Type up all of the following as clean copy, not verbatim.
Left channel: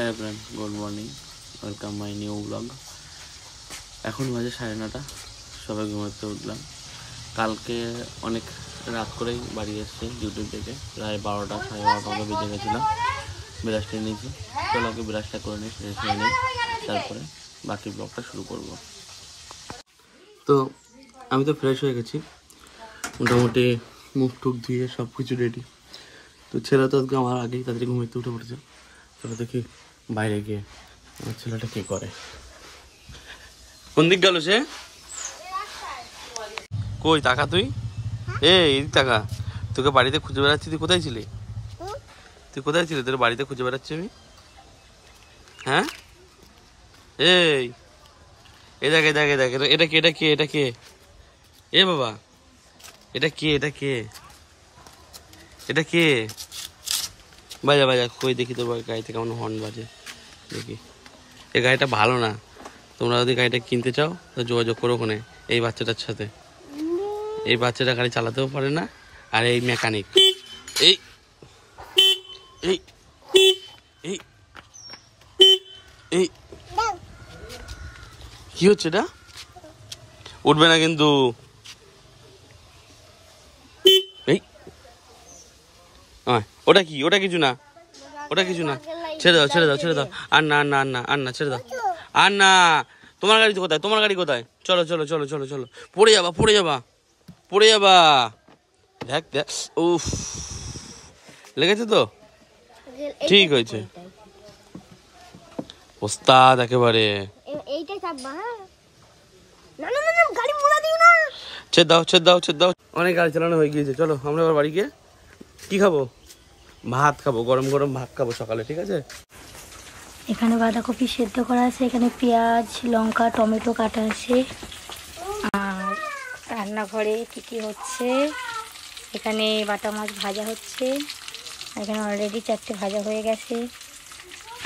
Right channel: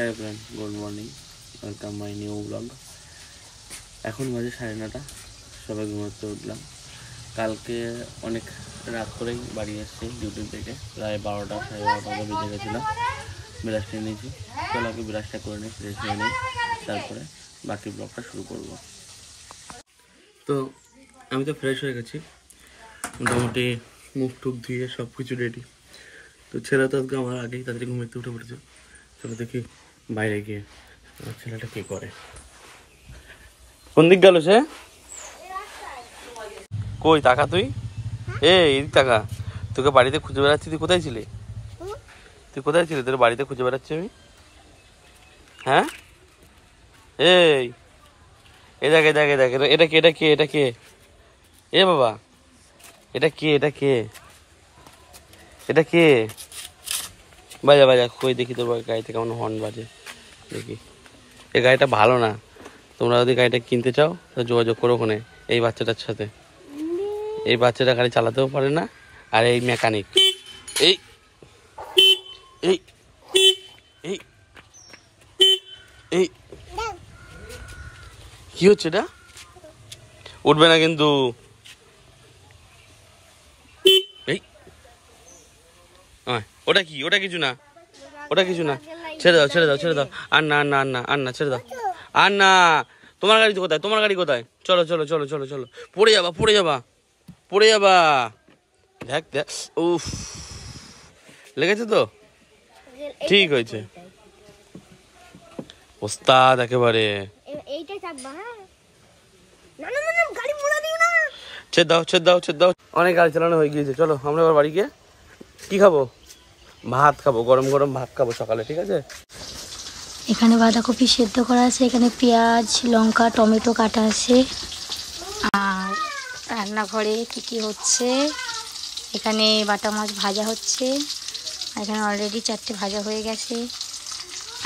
হ্যাঁ friend, good morning, welcome my new blog. এখন বাজে 9:30, সবাই ঘুমাতে উঠলাম। কালকে অনেক রাত করেই বাড়ি এসছি ডিউটি থেকে, প্রায় 12টা 12:30 মতো বেজে গেছিলাম। বিরাজটা নিয়েছি, চলো ওকে বিরাজটা করে নিই, ফ্রেশ হয়ে নিই, তারপরে বাকি ব্লগটা শুরু করব। তো আমি তো ফ্রেশ হয়ে গেছি, মোটামুটি মুখ টুক ধুয়ে সব কিছু রেডি। তো ছেলে তো আজকে আমার আগেই তাড়াতাড়ি ঘুমাতে উঠে পড়েছে। চলো দেখি বাইরে গিয়ে আমার ছেলেটা কি করে। কোন দিক গেল সে? কই টাকা তুই? এই টাকা তোকে বাড়িতে খুঁজে বেড়াচ্ছি, তুই কোথায় ছিলি? তুই কোথায় ছিলি? তোর বাড়িতে খুঁজে বেড়াচ্ছি আমি। হ্যাঁ এই দেখ দেখ দেখ, এটা কে? এটা কে? এটা কে? এ বাবা, এটা কে? এটা কে? এটা কে? বাজা বাজা, কই দেখি তো গাড়িতে কেমন হর্ন বাজে দেখি। এই গাড়িটা ভালো না, তোমরা যদি গাড়িটা কিনতে চাও তো যোগাযোগ করো ওখানে এই বাচ্চাটার সাথে। এই বাচ্চাটা গাড়ি চালাতেও পারে না, আর এই মেকানিক। এই এই এই এই কি হচ্ছে এটা? উঠবে না কিন্তু। এই ওটা কি? ওটা কিছু না, ওটা কিছু না, ছেড়ে দাও ছেড়ে দাও ছেড়ে দাও। আর না আর না আর না আর না, ছেড়ে দাও। আর না, তোমার গাড়ি কোথায়? তোমার গাড়ি কোথায়? চলো চলো চলো চলো চলো, পড়ে যাবা পড়ে যাবা পড়ে যাবা। দেখ দেখ, উফ, লেগেছে তো? ঠিক হয়েছে, ওস্তাদ একেবারে। ছেড়ে দাও ছেড়ে দাও ছেড়ে দাও, অনেক গাড়ি চালানো হয়ে গিয়েছে। চলো আমরা এবার বাড়ি গিয়ে কি খাবো? ভাত খাবো, গরম গরম ভাত খাবো সকালে, ঠিক আছে? এখানে বাঁধাকপি সেদ্ধ করা আছে, এখানে পেঁয়াজ লঙ্কা টমেটো কাটা আছে। আর রান্নাঘরে কি হচ্ছে, এখানে বাটা মাছ ভাজা হচ্ছে, এখানে অলরেডি 4টে ভাজা হয়ে গেছে।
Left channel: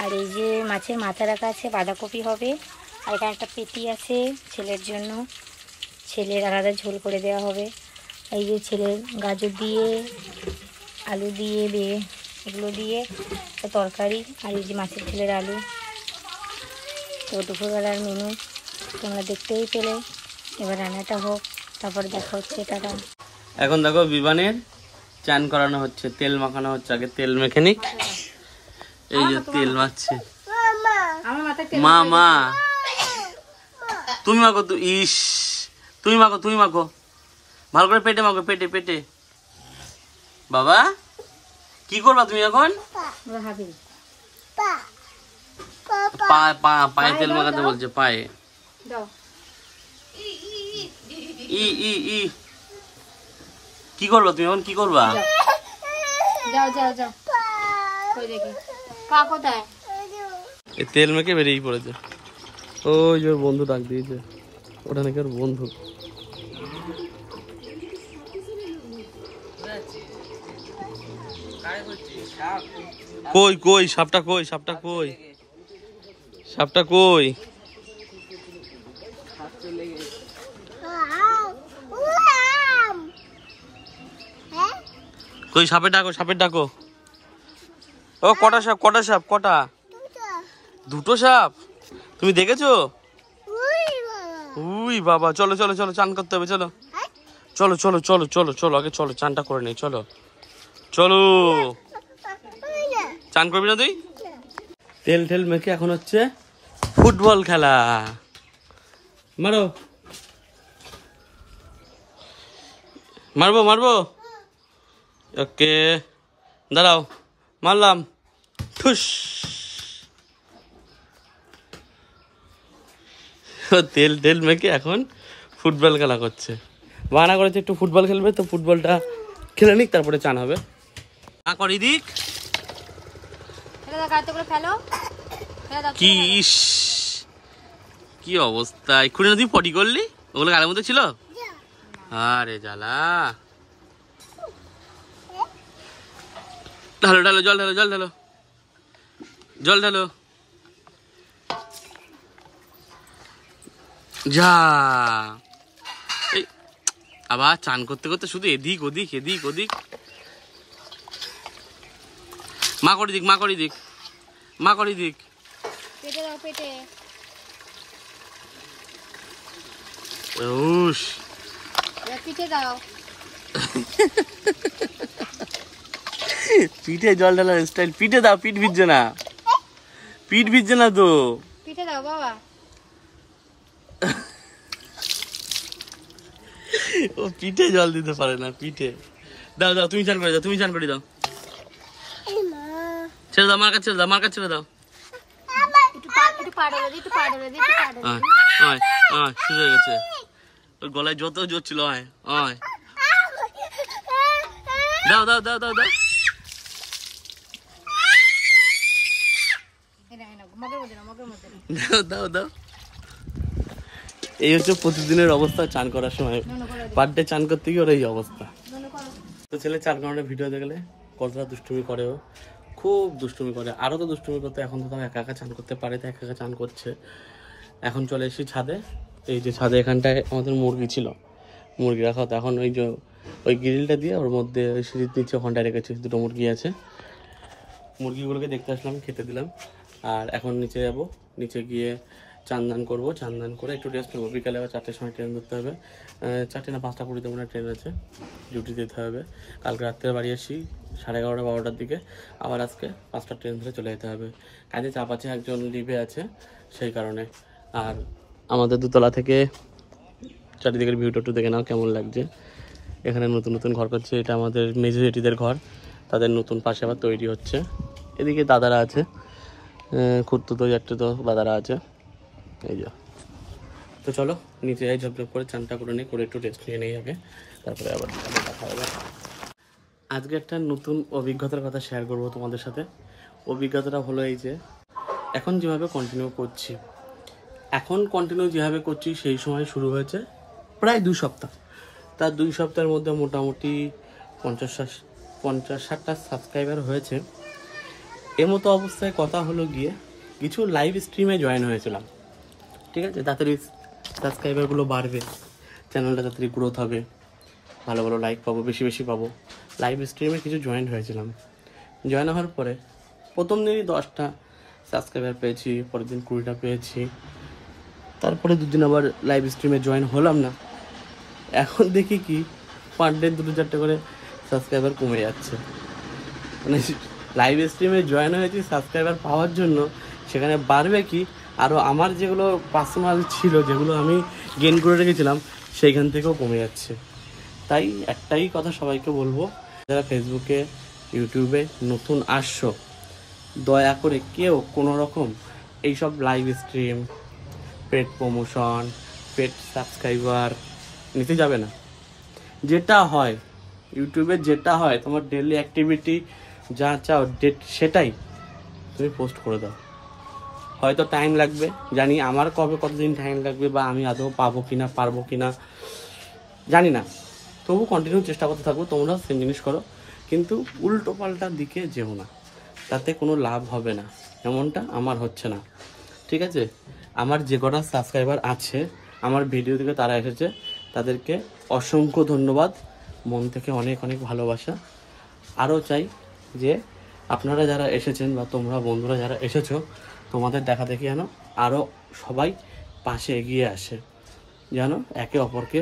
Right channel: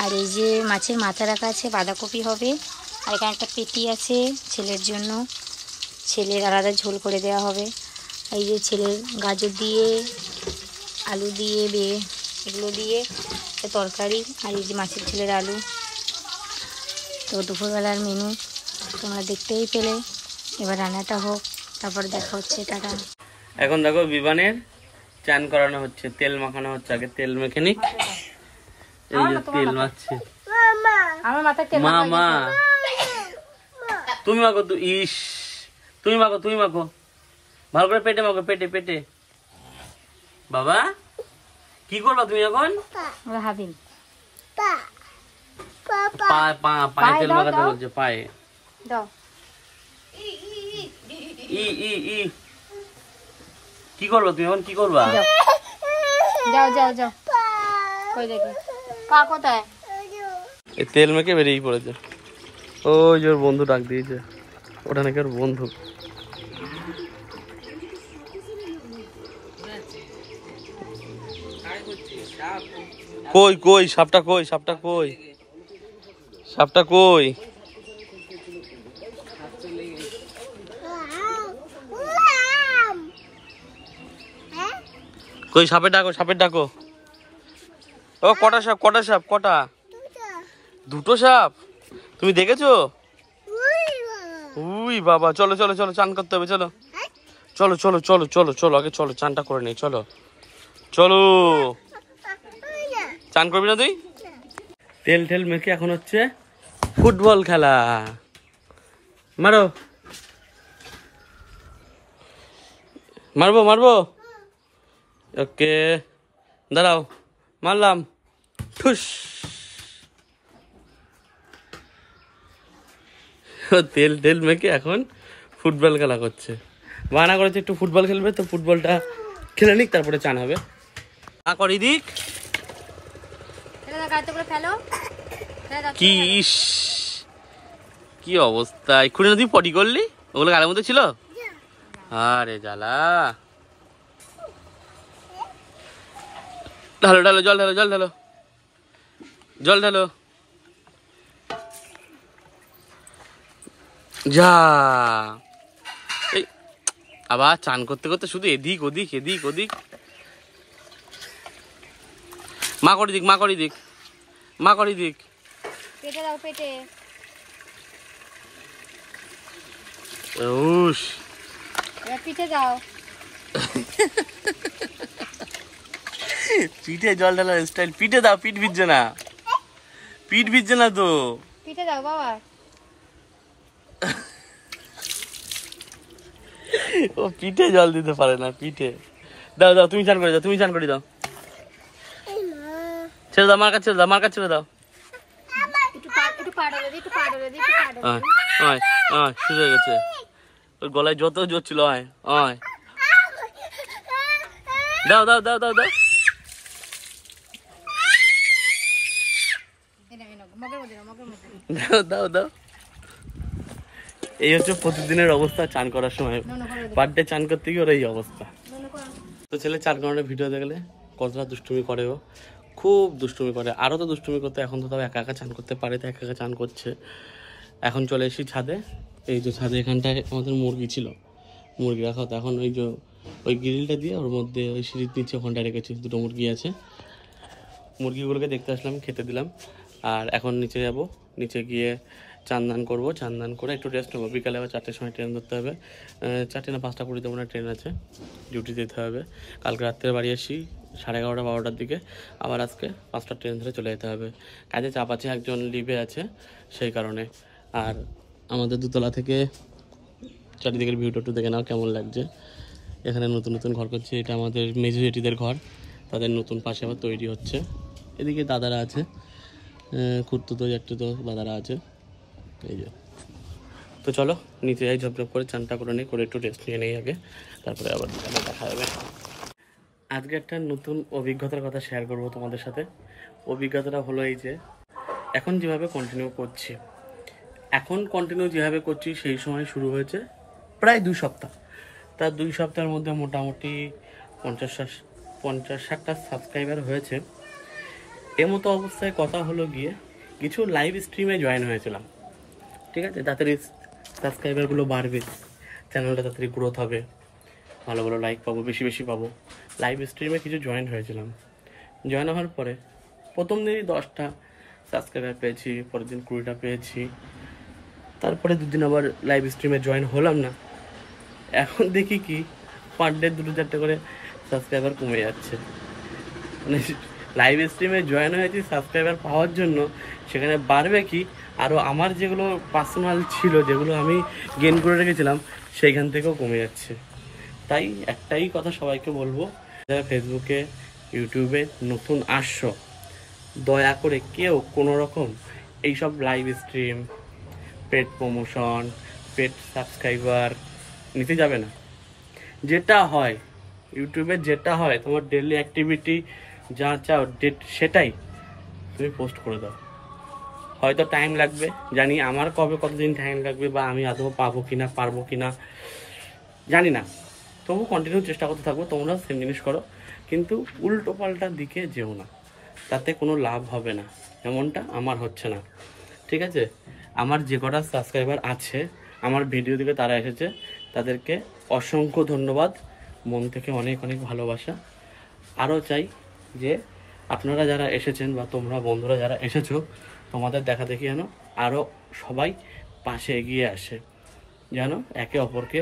আর এই যে মাছের মাথা রাখা আছে, বাঁধাকপি হবে। আর এখানে একটা পেটি আছে ছেলের জন্য, ছেলের আলাদা ঝোল করে দেওয়া হবে। এই যে ছেলের গাজর দিয়ে আলু দিয়ে এগুলো দিয়ে তরকারি, আর এই যে মাছের ঝোলের আলু। তো দুপুরবেলার মেনু তোমরা দেখতেই পেলে, এবার রান্নাটা হোক, তারপর দেখা হচ্ছে। টাটা। এখন দেখো বিমানের চান করানো হচ্ছে, তেল মাখানো হচ্ছে। আগে তেল মেখে নিক, এই যে তেল মাখছে মা। মা তুমি মাখো, তুই ইস, তুমি মাখো তুমি মাখো, ভালো করে পেটে মাখো, পেটে পেটে। বাবা কি করবা তুমি এখন? পায়ে তেল মাখাতে বলছে, পায়ে। ই ই ই কি করবা তুমি এখন? কি করবা? যাও যাও যাও, কই দেখি পা কোথায়? এই তেল মেখে বেরিয়ে পড়েছে। ওই যে ওর বন্ধু ডাক দিয়েছে, ওটা নাকি ওর বন্ধু। কই কই সাপটা? কই সাপটা? কই সাপটা? কই কই সাপের ডাকো, সাপের ডাকো। ও কটা সাপ? কটা সাপ? কটা? দুটো সাপ? তুমি দেখেছো? উই বাবা, চলো চলো চলো, চান করতে হবে, চলো চলো চলো চলো চলো চলো, আগে চলো চানটা করে নেই, চলো চলো। চান করবি না তুই? তেল টেল মেখে এখন হচ্ছে ফুটবল খেলা। মারো, মারবো মারবো, ওকে দাঁড়াও, মারলাম, ঠুস। তেল টেল মেখে এখন ফুটবল খেলা করছে, বানা করেছে একটু ফুটবল খেলবে। তো ফুটবলটা খেলে নিক, তারপরে চান হবে। করি দিক কি ইস, কি অবস্থা! এক্ষুনি তুই পটি করলি, ওগুলো গালের মধ্যে ছিল। আরে জ্বালা, ঢালো ঢালো, জল ঢালো, জল ঢালো, জল ঢালো, যা। এই আবার চান করতে করতে শুধু এদিক ওদিক এদিক ওদিক। মা করে দিক, মা করে দিক, মা করি দিক পেটে দাও, পেটে। উস পিঠে দাও, পিঠে জল ঢালার স্টাইল। পিঠে দাও, পিঠ ভিজছে না, পিঠ ভিজছে না তো। পিঠে দাও বাবা। ও পিঠে জল দিতে পারে না, পিঠে দাও দাও, তুমি চান করে দাও, তুমি চান করে দাও। ছেড়ে দাও, মার কাছে ছেড়ে দাও, মার কাছে ছেড়ে দাও। একটু পাড়লে দি, একটু পাড়লে দি, একটু পাড়লে দি। আয় আয়, শুরু হয়ে গেছে। ওর গলায় যত জোর ছিল। আয় আয়, দাও দাও দাও দাও দাও। দাও দাও দাও। এই হচ্ছে প্রতিদিনের অবস্থা চান করার সময়। পার ডে চান করতে গিয়ে ওর এই অবস্থা। তো ছেলে চান করানোর ভিডিও দেখলে কতটা দুষ্টুমি করে, ও খুব দুষ্টুমি করে। আরও তো দুষ্টুমি করতে, এখন তো তাও একা একা চান করতে পারে, তো একা একা চান করছে। এখন চলে এসেছি ছাদে। এই যে ছাদে এখানটায় আমাদের মুরগি ছিল, মুরগি রাখা হতো। এখন ওই যে ওই গ্রিলটা দিয়ে ওর মধ্যে ওই সিঁড়ির নিচে ওখানটায় রেখেছি, দুটো মুরগি আছে। মুরগিগুলোকে দেখতে আসলাম, খেতে দিলাম। আর এখন নিচে যাব, নিচে গিয়ে চান করবো। চান করে একটু রেস্ট নেবো। বিকালে আবার 4টের সময় ট্রেন ধরতে হবে। 4টে না 5টা 20 মনে ট্রেন আছে, ডিউটি দিতে হবে। কালকে রাত্রে বাড়ি আসি 11:30 12টার দিকে। আবার আজকে 5টার ট্রেন ধরে চলে যেতে হবে। কাজে চাপ আছে, একজন লিভে আছে সেই কারণে। আর আমাদের দোতলা থেকে চারিদিকের ভিউটা একটু দেখে নাও কেমন লাগছে। এখানে নতুন নতুন ঘর করছে। এটা আমাদের মেজো জেঠিদের ঘর, তাদের নতুন পাশে আবার তৈরি হচ্ছে। এদিকে দাদারা আছে, খুঁড়তুতো জাটতুতো দাদারা আছে। এই যে, তো চলো নিচে যাই, ঝপঝপ করে চানটা করে নিই, করে একটু রেস্ট নিয়ে নেই আগে, তারপরে আবার দেখা হবে। আজকে একটা নতুন অভিজ্ঞতার কথা শেয়ার করবো তোমাদের সাথে। অভিজ্ঞতাটা হলো এই যে, এখন যেভাবে কন্টিনিউ করছি, সেই সময় শুরু হয়েছে প্রায় 2 সপ্তাহ। তার 2 সপ্তাহের মধ্যে মোটামুটি 50-60টা সাবস্ক্রাইবার হয়েছে। এমতো অবস্থায় কথা হলো গিয়ে কিছু লাইভ স্ট্রিমে জয়েন হয়েছিলাম, ঠিক আছে। তাড়াতাড়ি সাবস্ক্রাইবারগুলো বাড়বে, চ্যানেলটা তাড়াতাড়ি গ্রোথ হবে, ভালো ভালো লাইক পাবো, বেশি বেশি পাবো। লাইভ স্ট্রিমে কিছু জয়েন হয়েছিলাম। জয়েন হওয়ার পরে প্রথম দিনই 10টা সাবস্ক্রাইবার পেয়েছি, পরের দিন 20টা পেয়েছি। তারপরে 2 দিন আবার লাইভ স্ট্রিমে জয়েন হলাম না। এখন দেখি কি পার ডে 2-4টে করে সাবস্ক্রাইবার কমে যাচ্ছে। মানে লাইভ স্ট্রিমে জয়েন হয়েছি সাবস্ক্রাইবার পাওয়ার জন্য, সেখানে বাড়বে কি, আরও আমার যেগুলো পার্সোনাল ছিল, যেগুলো আমি গেইন করে রেখেছিলাম, সেইখান থেকেও কমে যাচ্ছে। তাই একটাই কথা সবাইকে বলবো, যারা ফেসবুকে ইউটিউবে নতুন আসছো, দয়া করে কেউ কোনো রকম এইসব live stream, paid promotion, paid subscriber নিতে যাবে না। যেটা হয় ইউটিউবে, যেটা হয় তোমার ডেইলি অ্যাক্টিভিটি, যা চাও সেটাই তুমি পোস্ট করে দাও। হয়তো টাইম লাগবে, জানি আমার কতদিন টাইম লাগবে, বা আমি আদৌ পাবো কিনা পারবো কিনা জানি না, তবু কন্টিনিউ চেষ্টা করতে থাকবো। তোমরা সেম জিনিস করো, কিন্তু উল্টো পাল্টার দিকে যেও না, তাতে কোনো লাভ হবে না। এমনটা আমার হচ্ছে না, ঠিক আছে। আমার যে কটা সাবস্ক্রাইবার আছে, আমার ভিডিও থেকে তারা এসেছে, তাদেরকে অসংখ্য ধন্যবাদ, মন থেকে অনেক অনেক ভালোবাসা। আরও চাই যে আপনারা যারা এসেছেন, বা তোমরা বন্ধুরা যারা এসেছো, তোমাদের দেখা দেখি যেন আরও সবাই পাশে এগিয়ে আসে, যেন একে অপরকে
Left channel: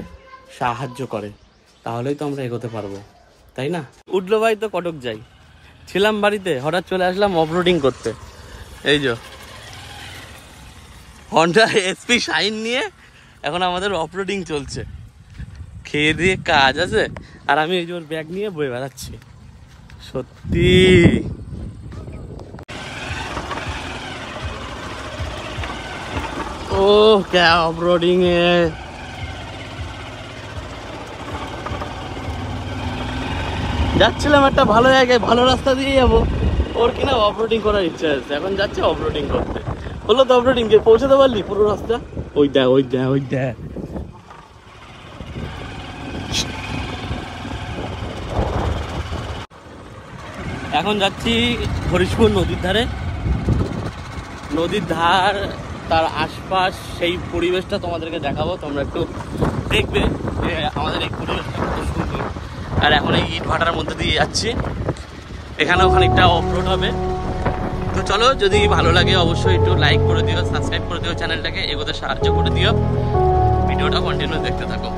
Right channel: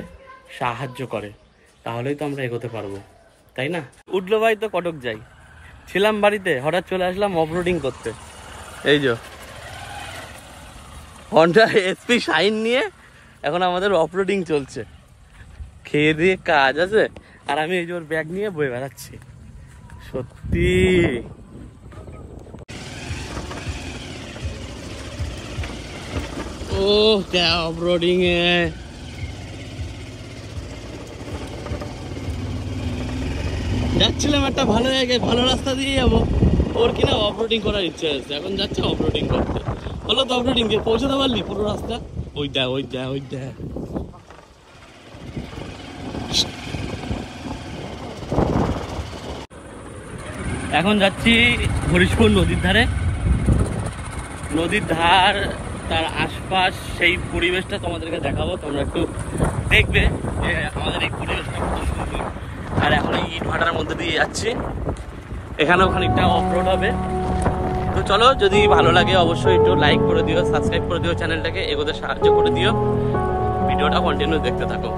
সাহায্য করে, তাহলেই তো আমরা এগোতে পারবো, তাই না। উঠলো ভাই তো কটক যাই, ছিলাম বাড়িতে, হঠাৎ চলে আসলাম অফরোডিং করতে। এই যে হন্ডা এসপি শাইন নিয়ে এখন আমাদের অফরোডিং চলছে। খেয়ে দিয়ে কাজ আছে, আর আমি এই যে ওর ব্যাগ নিয়ে বয়ে বেড়াচ্ছি। সত্যি ও क्या অফরোডিং এ যাচ্ছিলাম একটা ভালো জায়গায়, ভালো রাস্তা দিয়ে যাবো, ওর কিনা অফরোডিং করার ইচ্ছা আছে, এখন যাচ্ছে অফরোডিং করতে। হলো তো অফরোডিং, পৌঁছাতে পারলি পুরো রাস্তা? ওই দেখ ওই দেখ ওই দেখ। এখন যাচ্ছি হরিশপুর নদীর ধারে। নদীর ধার, তার আশপাশ, সেই পরিবেশটা তোমাদেরকে দেখাবো, তোমরা একটু দেখবে যে আমাদের এই পরিবেশটা কত সুন্দর। আর এখন এই ইট ভাটার মধ্যে দিয়ে যাচ্ছি, এখানেও খানিকটা অফরোড হবে। তো চলো, যদি ভালো লাগে অবশ্যই একটু লাইক করে দিও, সাবস্ক্রাইব করে দিও, চ্যানেলটাকে এগোতে সাহায্য করে দিও। ভিডিওটা কন্টিনিউ দেখতে থাকো।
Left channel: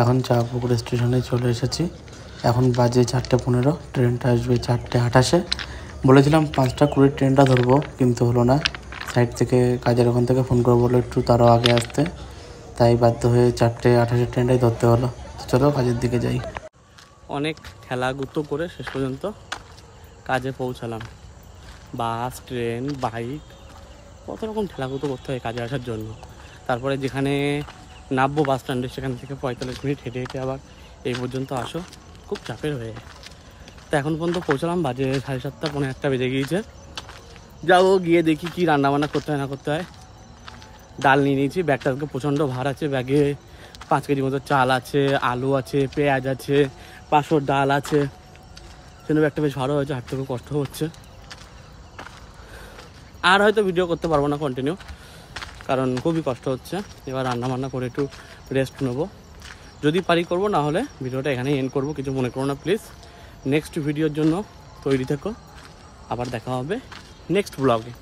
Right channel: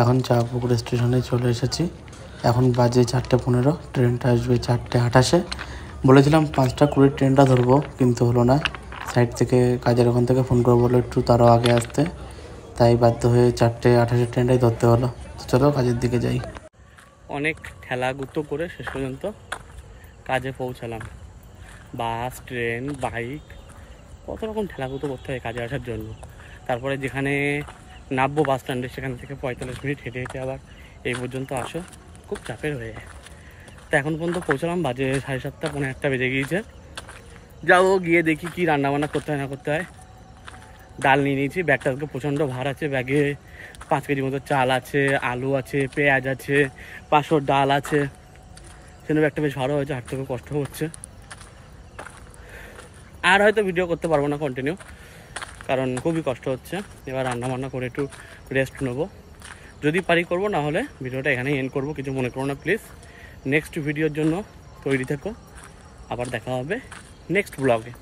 এখন চাঁপুকুর স্টেশনে চলে এসেছি। এখন বাজে 4:15, ট্রেনটা আসবে 4:28। বলেছিলাম 5:20 ট্রেনটা ধরবো, কিন্তু হলো না। সাইড থেকে কাজের ওখান থেকে ফোন করে বললো একটু তারও আগে আসতে, তাই বাধ্য হয়ে 4:28 ট্রেনটাই ধরতে হলো। তো চলো কাজের দিকে যাই। অনেক ঠেলাগুতো করে শেষ পর্যন্ত কাজে পৌঁছালাম। বাস, ট্রেন, বাইক, কত রকম ঠেলাগুতো করতে হয় কাজে আসার জন্য। তারপরে যেখানে নামবো বাস স্ট্যান্ডে, সেখান থেকে 45 মিনিট হেঁটে হেঁটে আবার এই পর্যন্ত আসো, খুব চাপের হয়ে যায়। তো এখন পর্যন্ত পৌঁছালাম, বাজে 7:30, 1:45 বেজে গিয়েছে। যাবো গিয়ে দেখি কি রান্নাবান্না করতে হয় না করতে হয়। ডাল নিয়ে নিয়েছি, ব্যাগটা প্রচণ্ড ভার আছে। ব্যাগে 5 কেজি মতো চাল আছে, আলু আছে, পেঁয়াজ আছে, 500 ডাল আছে। সেজন্য ব্যাগটা বেশ ভালো হয়েছে, হাঁটতে খুব কষ্ট হচ্ছে। আর হয়তো ভিডিও করতে পারবো না কন্টিনিউ, কারণ খুবই কষ্ট হচ্ছে। এবার রান্নাবান্না করে একটু রেস্ট নেবো, যদি পারি করবো, না হলে ভিডিওটা এখানেই এন্ড করবো। কিছু মনে করো না প্লিজ। নেক্সট ভিডিওর জন্য তৈরি থেকো, আবার দেখা হবে নেক্সট ব্লগে।